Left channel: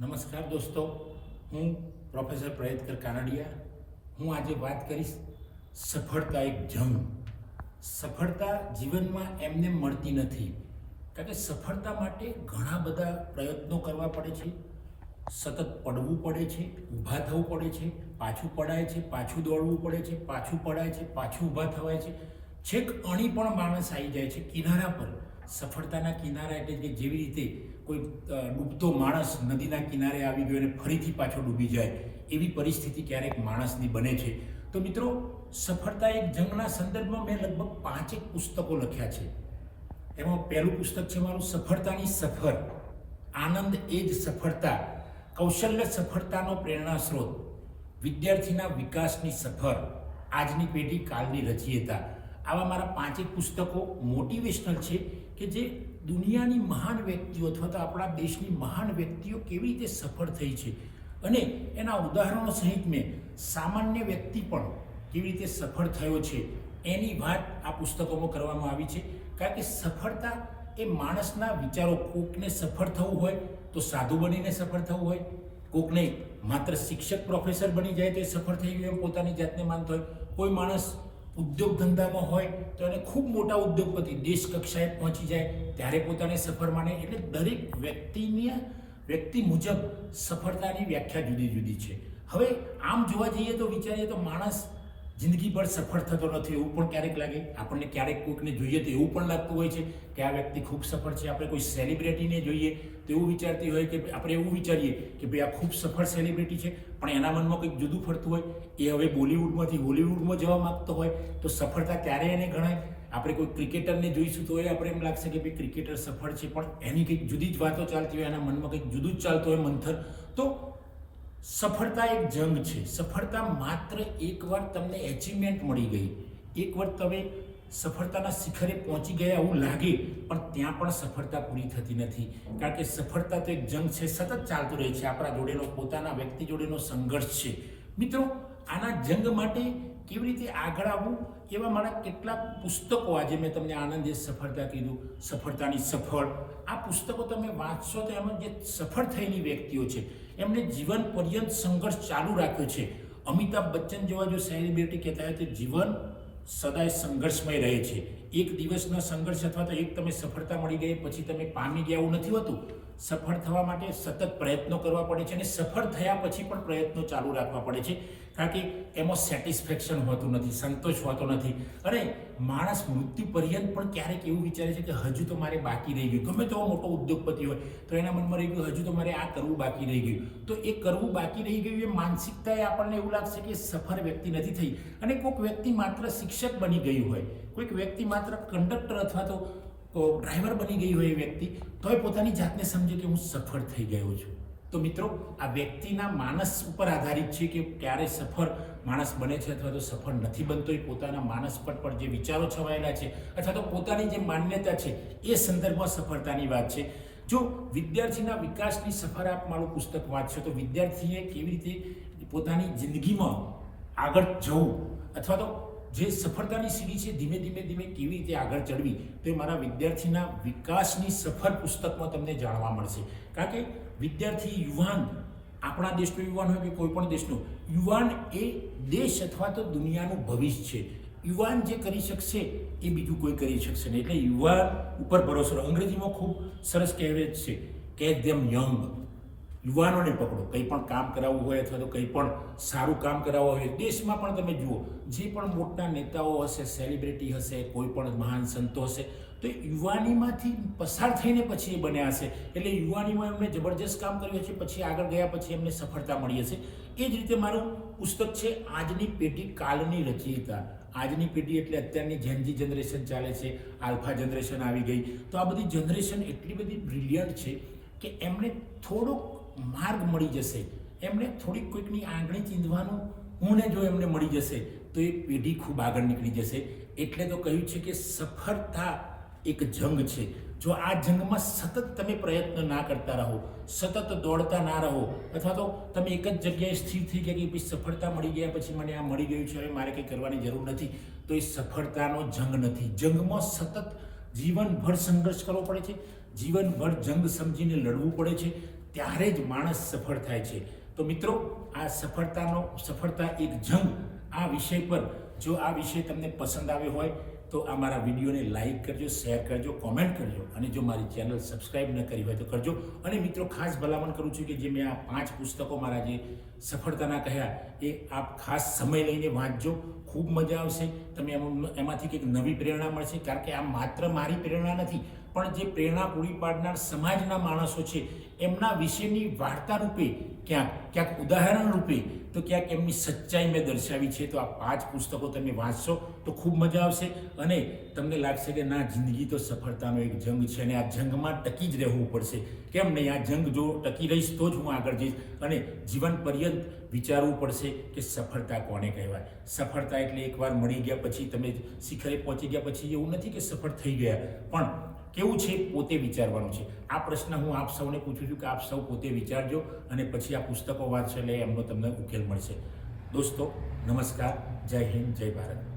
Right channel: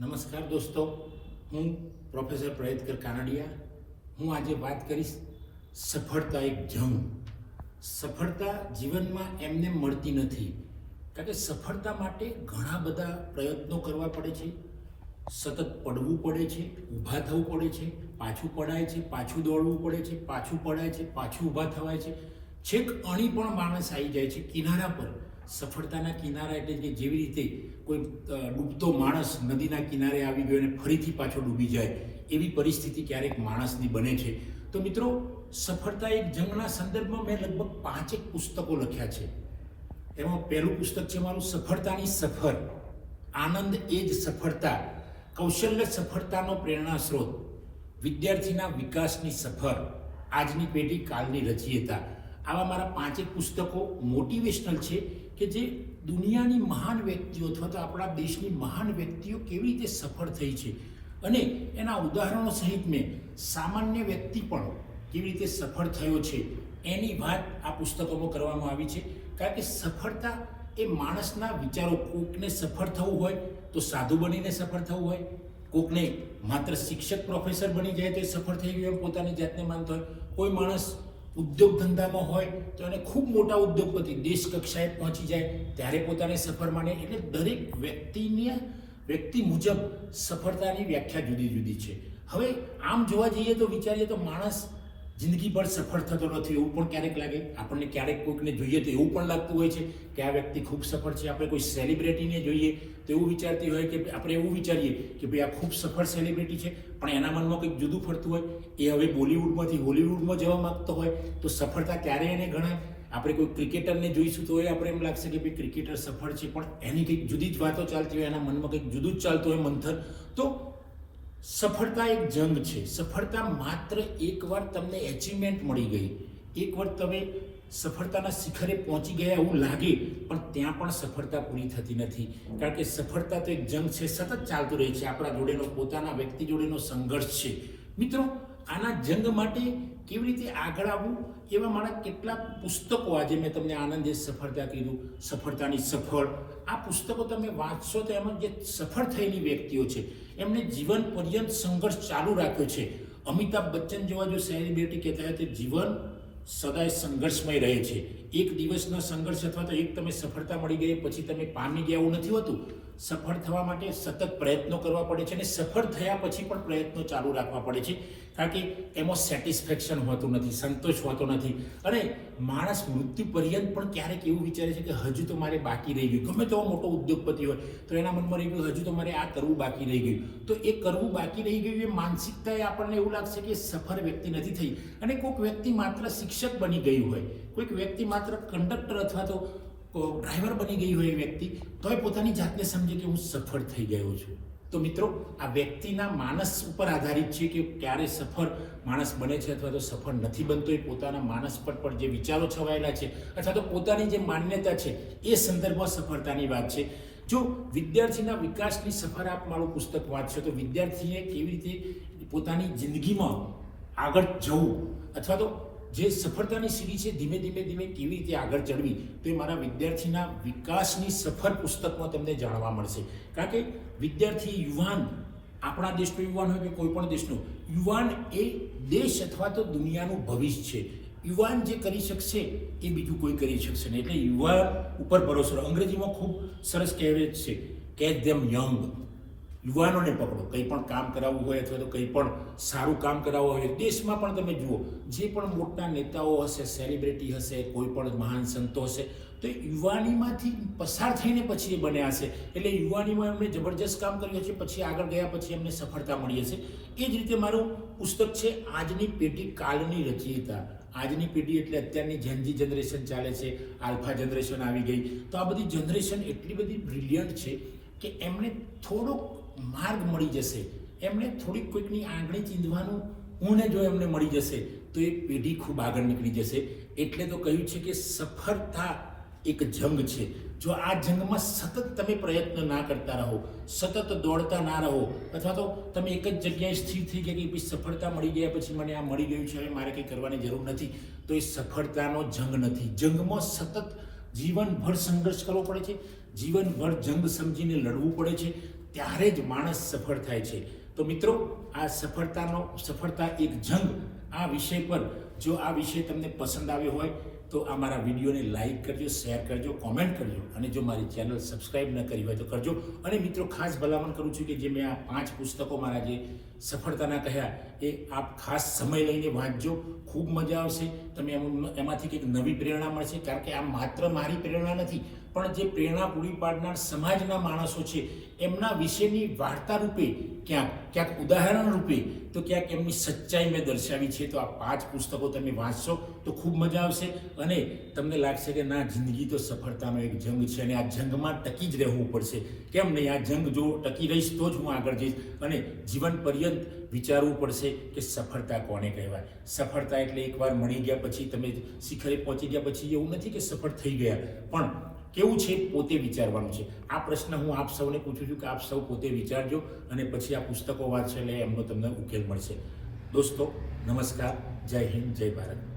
નમસ્કાર દોસ્તો, હું પ્રોફેસર પ્રયત્કર કાનડિયા. હું આજે વાત કરીશ સફળતા એક જંગ. સફળતા જીવનમાં એમને મળતી નથી, કારણ કે સફળતા માટે ઘણા બધા પ્રયત્નો કરવા પડે છે, સતત પડવું પડે છે, ઊભા થવું પડે છે, પાછું પડાય છે, પાછું દોડવું પડે છે, પાછું પડાય છે, પાછું ઊભા થવાય છે, છેક અણી પણ માણસ આવી જાય છે કિનારા પર. સફળતાના કિનારા એટલે કે જેવી રીતે કોઈ ડૂબતો માણસ નદીના કિનારે આવી ગયો અને ફરીથી પાછો ડૂબી જાય, એવી પરિસ્થિતિ ક્યારેક માણસની બને છે. તો મિત્રો, સફળતા એક જંગના સંદર્ભમાં મેં લગભગ 5 પુસ્તકો લખ્યા છે. એમાં પહેલું પુસ્તક છે મારું સફળતાની સફર, આનંદ એ જ સફળતા, કૌશલ્ય સફળતાનો પ્રેરણા સ્ત્રોત, વિદ્યાર્થીના વિકાસની સફર, આજની પેઢી કાલની રચયિતા. આવા મારા 5 પુસ્તકો મોટિવેશનલ છે કે જે દુનિયાની મહાન વ્યક્તિઓ અથવા તો આપણા દેશની મહાન વ્યક્તિઓ કેવી રીતે સફળ થઈ છે અને એના ઉદાહરણો સહિત મેં સામાન્ય વ્યક્તિ પણ કેવી રીતે સફળ થયો છે એની વાત આ પુસ્તકોમાં કરવામાં આવી છે. કારણ કે સફળતા એ માણસના વિચારો, કોકને સફળ થવું હોય તો સાધુ બનીને સફળ થવું હોય, કોકને માત્ર શિક્ષક પ્રોફેસર બની જાય તો સફળ થઈ ગયું એમ પોતાની જાતને માનતો હોય, કોઈ માણસ ઉદ્યોગ ધંધામાં હોય તો એને ખૂબ મોટા ઉદ્યોગપતિ દેશ કક્ષાએ પહોંચી જાય ત્યારે પોતાને સફળ માને. એટલે દરેક વ્યક્તિ મુજબ સફળતાની વ્યાખ્યા જુદી જુદી છે. હવે આમ જોવા જઈએ તો વિચારીએ તો માણસ જિંદગીભર સફળ થતો નથી એવું પણ ક્યારેક લાગે આપણને. ક્યારેક કોઈકને જોઈએ તો એવું પણ લાગતું હોય છે કે આ વ્યક્તિ ખૂબ સફળ છે. આપણે કોઈ સેલિબ્રિટીને જોઈએ તો એવું વિચારતી હોય કે આપણે એવું વિચારીએ કે ભાઈ આ ખૂબ સફળ સેલિબ્રિટી છે, પણ એના મનમાં કંઈક જુદું ફરતું હોય. એ હવે બોલિવૂડમાંથી હોલિવૂડમાં જવા માંગતો હોય તો સફળતા ક્યારે એને ગણાય. આપણે કોઈ ક્રિકેટરને જોઈશું તો એ આપણે એમ લાગશે કે ભાઈ ક્રિકેટર સફળ છે, પણ એની કંઈક જુદી જ વાતો ચાલતી હોય, એના મનમાં કંઈક જુદું જ ચાલતું હોય મંથર. તો સફળતા એક જંગ છે. સફળતા માત્ર એકવાર તમને એચિવમેન્ટ મળી ગઈ, એકવાર તમે સફળતાના શિખરે પહોંચી ગયા એવું લાગે, પણ ત્યાં પણ સફળતા પૂરી થતી નથી. કારણ કે સફળતા તો એક જંગ છે, સતત ચાલતો રહે છે. આપણા જોડેનો, પોતાના વ્યક્તિ જોડેનો સંઘર્ષ છે. મિત્રો, આના જંગ માટે કેવી રીતે આગળ આવવું એવા મારા કેટલાક પુસ્તકો, આજે મેં તમને આનંદ એ સફળતા કીધું, સફળતાની સફળ, આ પુસ્તકો તમે વાંચશો તો એમાં જે સફળ થયેલી વ્યક્તિઓ છે એમને જીવન પર્યંત સંઘર્ષ ચાલુ રાખ્યો છે. અમિતાભ બચ્ચન જેવા જો સેલિબ્રિટી કહેતા હોય તો જીવન સદાય સંઘર્ષમય રહે છે. એક દિવસનો સંઘર્ષ અથવા તો એક તમે સફળતા મળી ગઈ પછી તમે પામી ગયા એવું નથી હોતું. સફળ થવા માટે સતત પ્રયત્નો કરવા પડે છે અને સફળ થયા પછી પણ પ્રયત્નો ચાલુ રાખવા પડે છે. કારણ કે એમાં સેટિસ્ફેક્શન હોતું નથી, સંતોષ હોતો નથી. અને માણસ મૃત્યુ પર્યંત પણ ક્યારેક એવું વિચારે છે કે હજુ તો મારે બાકી રહી ગયું. ગમે તેવો મોટો ઉદ્યોગપતિ હોય તો એના મનમાં રહી ગયું હજુ તો મારે આ કરવું બાકી રહી ગયું. તો એ કરવું બાકી રહી ગયું એ માનસિકતાએ આપણને એવું લાગશે કે સફળ વ્યક્તિ નથી થઈ. અને કોઈક વ્યક્તિ માત્ર શિક્ષક બની ગયું હોય, કોઈક વ્યક્તિ માત્ર કંડક્ટર અથવા તો ડ્રાઈવર બની ગઈ હોય એ વ્યક્તિ, તોય પોતાની જાતને સમજે કે હું સફળ થઈ ગયો છું. તો મિત્રો, આ વ્યક્તિના માનસ ઉપર આધારિત છે કે ક્યારે સફળ માણસ બને છે અથવા તો સફળ નથી બનતો. એ પોતાના માનસ પર જે વિચારો છવાયેલા છે અથવા તો પોતાની જે માન્યતા છે એ સંદર્ભમાં સફળતાની વાત છે. જો વિદ્યાર્થીના વિકાસની સફર આપ મારું પુસ્તક વાંચશો તો વિદ્યાર્થીએ કેવી રીતે પોતાની જિંદગીમાં આગળ જવું અથવા તો જે સફળતાની સીડી છે ધીમે ધીમે કેવી રીતે આગળ ચડવી, તે મારા વિદ્યાર્થીના વિકાસની સફર પુસ્તકમાં તમને જાણવા મળશે. કારણ કે વિદ્યાર્થી, યુવાન, આપણા દેશનો યુવાન હોય કે કોઈ પણ દેશનો યુવાન, એ દેશ અથવા તો દુનિયાનું ભવિષ્ય છે. યુવાન જે કરી શકશે એ બીજું કોઈ કરી શકશે નહીં. એટલે યુવાન ઉપર ભરોસો. અંગ્રેજીમાં ખૂબ સરસ કહેવત છે, કેચ ધેમ યંગ. યુવાનોને પકડો. કંઈ પણ કામ કરાવવું હોય અથવા તો કંઈ પણ સારું કામ કરાવવું હોય, દેશમાં પણ તમે જુઓ જે પણ મોટા નેતાઓ હશે, સેલિબ્રિટી હશે, કોઈ પણ મહાન સંતો હશે, તો યુવાનીમાંથી પસાર થઈને પછી એ બન્યા હશે. એટલે યુવાનીમાં એમણે જબરજસ્ત કામ કર્યું હશે, પછી આગળ ગયા પછી એમને સફળતા મળી હશે. એ જ રીતે મારું પુસ્તક છે આજની પેઢી કાલની રચયિતા. આજની પેઢી એટલે અત્યારની જેનજી જનરેશન ચાલે છે, આલ્ફા જનરેશન આવી ગઈ. તો આ બધી જનરેશન એટલી બધી બ્રિલિયન્ટ છે કે એમને થોડુંક માર્ગ મળી જશે, એમને થોડીક કોઈકની આંગળી ચીંધવાનું ઊને જો એમને મળી જશે તો એ પેઢી ખૂબ આગળ નીકળી જશે. એટલે તો કહ્યું છે કે સફળતા એક જંગ છે. જો આ જંગમાં સતત તમે પ્રયત્ન ના કરતા રહો, સતત દોડતા ના રહો, અથવા તો તમે એક જ જગ્યાએ સ્થિર થઈ ગયા કે ભાઈ સફળતા મળી ગયા પછી મને આ મળી ગયું છે, હવે મારે કંઈ કરવાની જરૂર નથી, તો એ સફળતાનો જંગ નથી. જંગમાં સતત જીવનભર સંઘર્ષ કરવો પડે છે, જીવનભર જંગ સમજીને લડવું પડે છે. ત્યારે જ માણસ સફળ થાય છે. તો મિત્રો, આ સફળતા એક જંગ આ વિષય પર જો આ વિષય તમને પસંદ આવ્યો હોય તો આ મારા વિડીયોને લાઈક કરજો, શેર કરજો, કોમેન્ટ કરજો અને જો મારી ચેનલ સબસ્ક્રાઈબ ન કરી હોય તો કરજો. અને મિત્રો, ખાસ ભલામણ કરું છું કે જે મેં આ 5 પુસ્તકો મારા જે સફળતાના કહ્યા એ આપ ખાસ સમય લઈને વાંચજો. ખૂબ મજા આવશે. તમે એમાંથી કંઈક નવી પ્રેરણા મળશે, કારણ કે આ માત્ર મારી પ્રેરણા નથી, પણ જે પ્રેરણા પૂરી પાડનાર સમાજના માણસો છે એમના વિશેની વાર્તા રૂપે, ક્યાંક ઉદાહરણ રૂપે, તો ક્યાંક એમની સચ્ચાઈ મેં દર્શાવી છે. તો આ 5 પુસ્તકો તમે વાંચશો તો ખૂબ મજા આવશે અને તમને લાગશે કે ના, જિંદગી તો સફળતાનો એક જંગ છે અને આ જંગમાં ટકી જ રહેવું પડશે. કેમ નહીં? આ જંગ જો ટકી રહીશ તો જ હું આગળ જઈશ અને જીવન પર્યંત વિચારવું પડશે કે સફળતા કોને કહેવાય. સફળતા એટલે એકવાર મળી ગયા પછી, તમે શિખરે પહોંચી ગયા પછી એવું નથી કે સફળ થઈ ગયા, પણ કેવું છે પોતે વિચારવાનું છે. આ પ્રશ્ન હું આપ સૌને પૂછું છું કે આપ સૌ પોતે વિચારજો અને પછી આ પુસ્તકો વાંચશો એટલે એમનો તમને ઉકેલ મળશે. દોસ્તો, નમસ્કાર. જય હિન્દ, જય ભારત.